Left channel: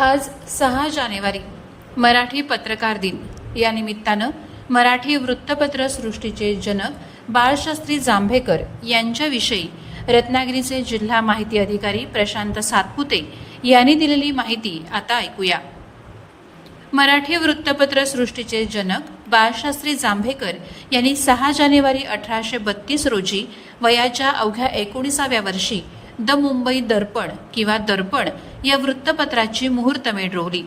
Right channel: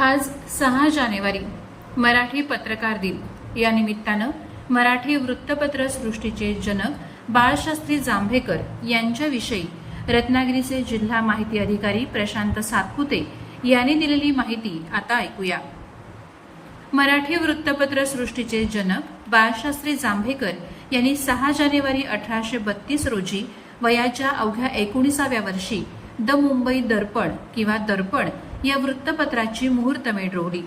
आज सहा जानेवारी मराठी पत्रकार दिन. या निमित्तानं मराठी वृत्तपत्र सृष्टीचे जनक बाळशास्त्री जांभेकर यांच्याविषयी रत्नागिरीचे जिल्हा माहिती अधिकारी प्रशांत सातपुते यांनी दिलेली माहिती आता ऐकूया. मराठी वृत्तपत्र सृष्टीचे जनक बाळशास्त्री जांभेकर यांनी सहा जानेवारी अठराशे बत्तीस रोजी वयाच्या अवघ्या एकोणीसाव्या वर्षी द मुंबई दर्पण किंवा दर्पण या वृत्तपत्राची मुहूर्तमेढ रोवली.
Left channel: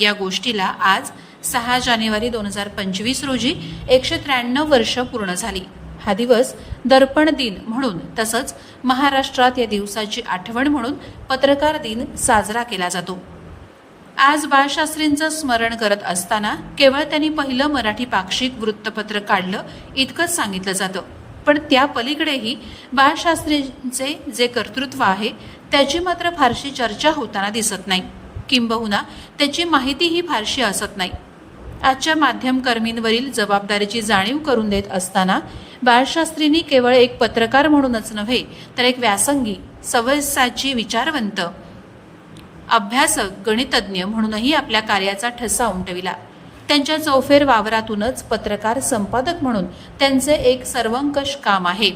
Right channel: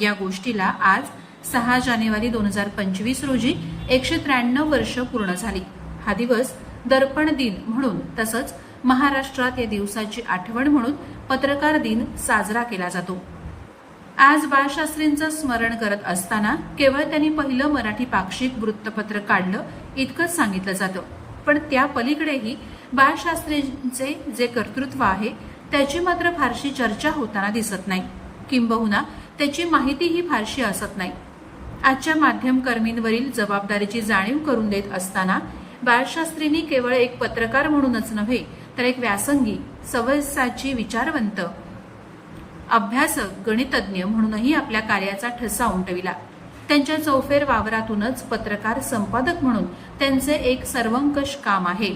या गोष्टीला आज सहा जानेवारी दोन हजार पंचवीस रोजी एकशे त्र्याण्णव वर्ष पूर्ण झाली. हा दिवस दर्पण दिन म्हणून तसंच महाराष्ट्रात या दिवसाची आठवण म्हणून पत्रकार दिन साजरा केला जातो. आज बाळशास्त्रींचं स्मरण करत असताना केवळ त्यांनी पहिलं मराठी पाक्षिक वृत्तपत्र काढलं इतकंच सांगितलं जातं. पण त्या पलीकडेही बाळशास्त्रींचे जे कर्तृत्व आहे त्याची मात्र फारशी चर्चा होताना दिसत नाही. किंबहुना त्याची माहितीही फारशी असत नाही. आजच्या माध्यमकर्मींवरील जबाबदारीची जाणीव करून देत असताना बाळशास्त्रींनी केवळ एक पत्रकार म्हणूनच नव्हे तर एक व्यासंगी सवयसाची विचारवंत अभ्यासक गणितज्ञ म्हणूनही आपल्या कार्याचा ठसा उमटविला. त्यांच्या चौफेर वावरातूनच पत्रकार संपादक म्हणून त्यांचे एक सर्वंकष काम आहे.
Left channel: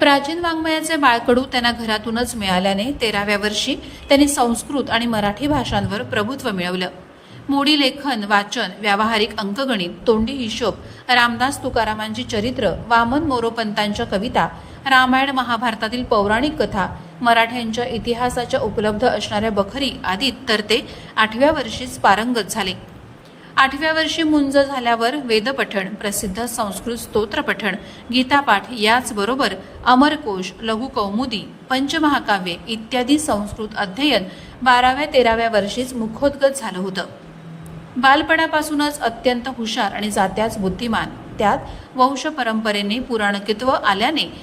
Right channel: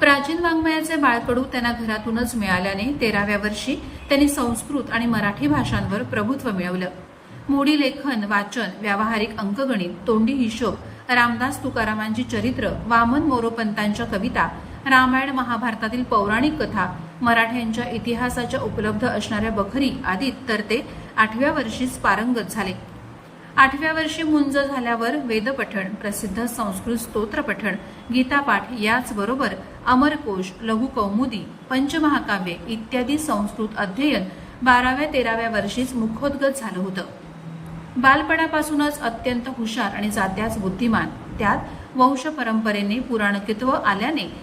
प्राचीन वाङ्मयाचे बाळकडू त्यांना घरातूनच मिळाल्याने तेराव्या वर्षी त्यांनी संस्कृत आणि मराठी भाषांवर प्रभुत्व मिळवलं. मोडी लेखन वाचन व्यावहारिक अंकगणित तोंडी हिशोब रामदास तुकारामांची चरित्र वामन मोरोपंतांच्या कविता रामायण महाभारतातील पौराणिक कथा मराठ्यांच्या इतिहासाच्या उपलब्ध असणाऱ्या बखरी आदीत तर ते आठव्या वर्षीच पारंगत झाले. आठव्या वर्षी मुंज झाल्यावर वेदपठण प्रसिद्ध संस्कृत स्तोत्रपठण गीतापाठ याचबरोबर अमरकोश लघुकौमुदी पंचमहाकाव्ये इत्यादी संस्कृत अध्ययन बाराव्या तेराव्या वर्षीच मुखोद्गत झालं होतं. बालपणापासूनच अत्यंत हुशार आणि जात्याच बुद्धिमान. त्यात वंश परंपरेने पुराणकित्व आल्याने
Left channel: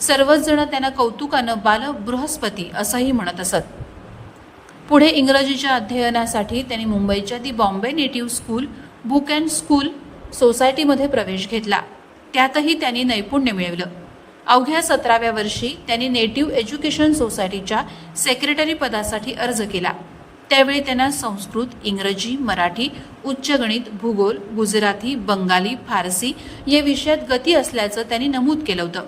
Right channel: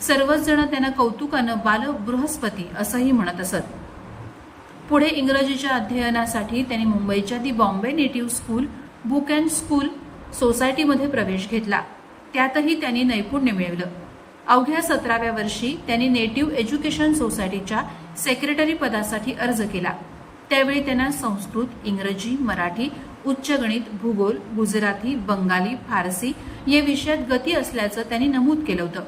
सर्वच जण त्यांना कौतुकानं बाल बृहस्पती असंही म्हणत असत. पुढे इंग्रजीच्या अध्ययनासाठी त्यांनी मुंबईच्या the Bombay native school book and school सोसायटीमध्ये प्रवेश घेतला. त्यातही त्यांनी नैपुण्य मिळवलं. अवघ्या सतराव्या वर्षी त्यांनी नेटिव्ह एज्युकेशन सोसायटीच्या सेक्रेटरी पदासाठी अर्ज केला. त्यावेळी त्यांना संस्कृत इंग्रजी मराठी उच्च गणित भूगोल गुजराती बंगाली फारसी या विषयात गती असल्याचं त्यांनी नमूद केलं होतं.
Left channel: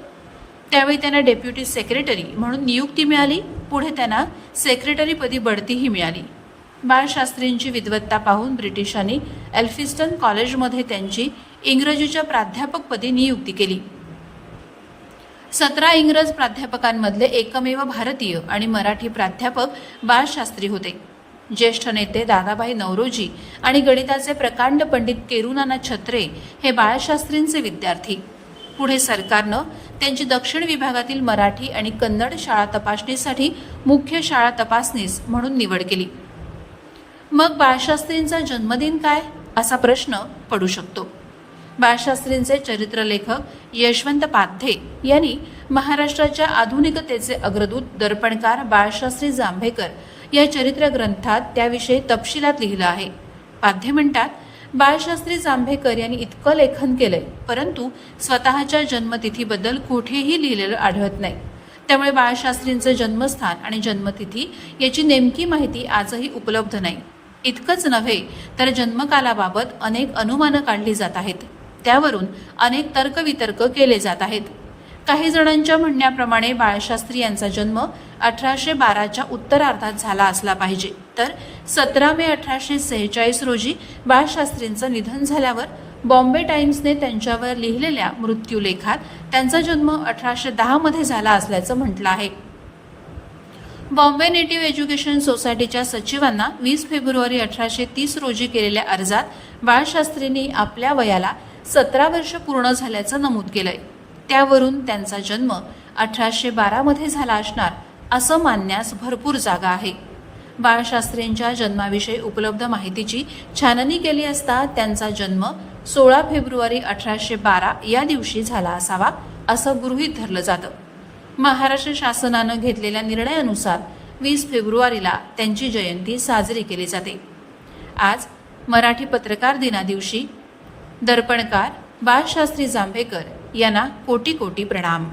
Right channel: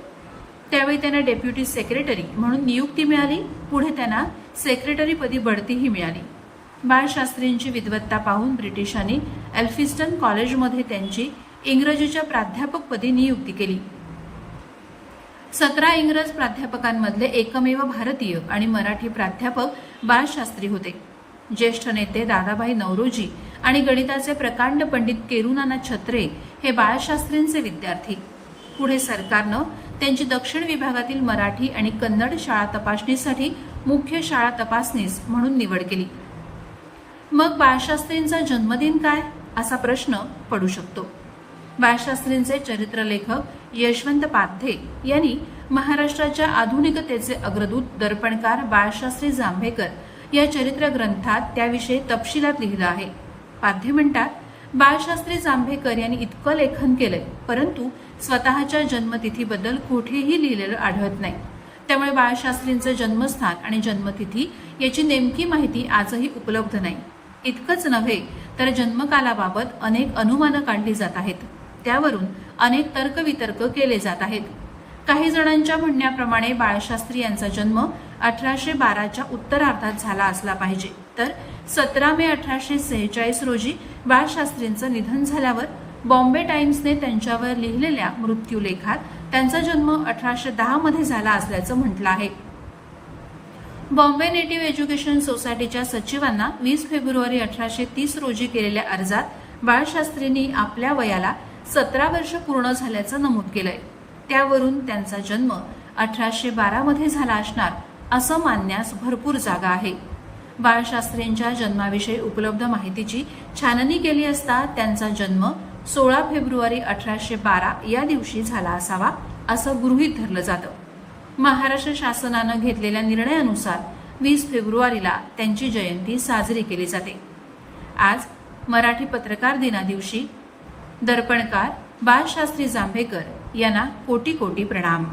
त्यावेळी त्यांना डेप्युटी सेक्रेटरी म्हणून नियुक्ती मिळाली. पुढे त्यांना सेक्रेटरीपदी बढतीही मिळाली. बाळशास्त्रींची विद्वत्ता पाहून ब्रिटिशांनी एल्फिस्टन कॉलेजमध्ये त्यांची इंग्रजीच्या प्राध्यापकपदी नियुक्ती केली. सतरा इंग्रज प्राध्यापकांमधले एकमेव भारतीय आणि मराठी प्राध्यापक बाळशास्त्री होते. ज्येष्ठ नेते दादाभाई नवरोजी आणि गणिताचे प्रकांड पंडित केरुनाना छत्रे हे बाळशास्त्रींचे विद्यार्थी. पुढे सरकारनं त्यांची दक्षिण विभागातील मराठी आणि कन्नड शाळा तपासणीसाठी मुख्य शाळा तपासणीस म्हणून निवड केली. मग बाळशास्त्रींचा जन्मदिन काय? असा प्रश्न पडू शकतो. बाळशास्त्रींचे चरित्रलेखक यशवंत पाध्ये यांनी महाराष्ट्राच्या आधुनिकतेचे अग्रदूत दर्पणकार बाळशास्त्री जांभेकर या चरित्र ग्रंथात त्याविषयी तपशिलात लिहिलं आहे. पाध्ये म्हणतात बाळशास्त्री जांभेकर यांनी इतकं लेखन केलंय परंतु स्वतःच्या जन्मतिथीबद्दल कुठेही लिहिलेलं आढळत नाही. त्यामुळे बाळशास्त्रींचे जन्मस्थान आणि जन्मतिथी याची नेमकी माहिती आजही उपलब्ध नाही. इतकंच नव्हे तर जन्मकालाबाबत अनेक अनुमानं काढली जात आहेत. त्यावरून अनेक तर्कवितर्क केले जात आहेत. काही जणांच्या म्हणण्याप्रमाणे बाळशास्त्री यांचा जन्म अठराशे बाराच्या उत्तरार्धात झाला असला पाहिजे. तर सतरा मे अठराशे सेहेचाळीस रोजी बाळशास्त्रींचं निधन झाल्यावर बॉम्बे टाइम्सने त्यांच्यावर लिहिलेल्या मृत्यूलेखात त्यांचा जन्म अठराशे दहामध्ये झाला असल्याचं म्हटलं आहे. बॉम्बे नेटिव्ह एज्युकेशन सोसायटीच्या सचिवांना वीस फेब्रुवारी अठराशे तीस रोजी केलेल्या अर्जात बाळशास्त्रींनी आपल्या वयाला सतरा वर्ष पूर्ण झाल्याचं नमूद केलंय. त्यावरून त्यांचा जन्म अठराशे बारामध्ये झाला असणार असं मानण्यास भरपूर जागा आहे. बाळशास्त्रींच्या जन्माविषयी उपलब्ध माहितीची छाननी केली असता त्यांचा जन्म सोळा फेब्रुवारी अठराशे बारा या दिवशी झाला असावा असं गृहीत धरलं जातं. महाराष्ट्र शासनानं घेतलेल्या निर्णयानुसार वीस फेब्रुवारीला त्यांची जयंती साजरी केली जाते. आज मराठी पत्रकार दिनादिवशी दर्पणकार बाळशास्त्री जांभेकर यांना कोटी कोटी प्रणाम.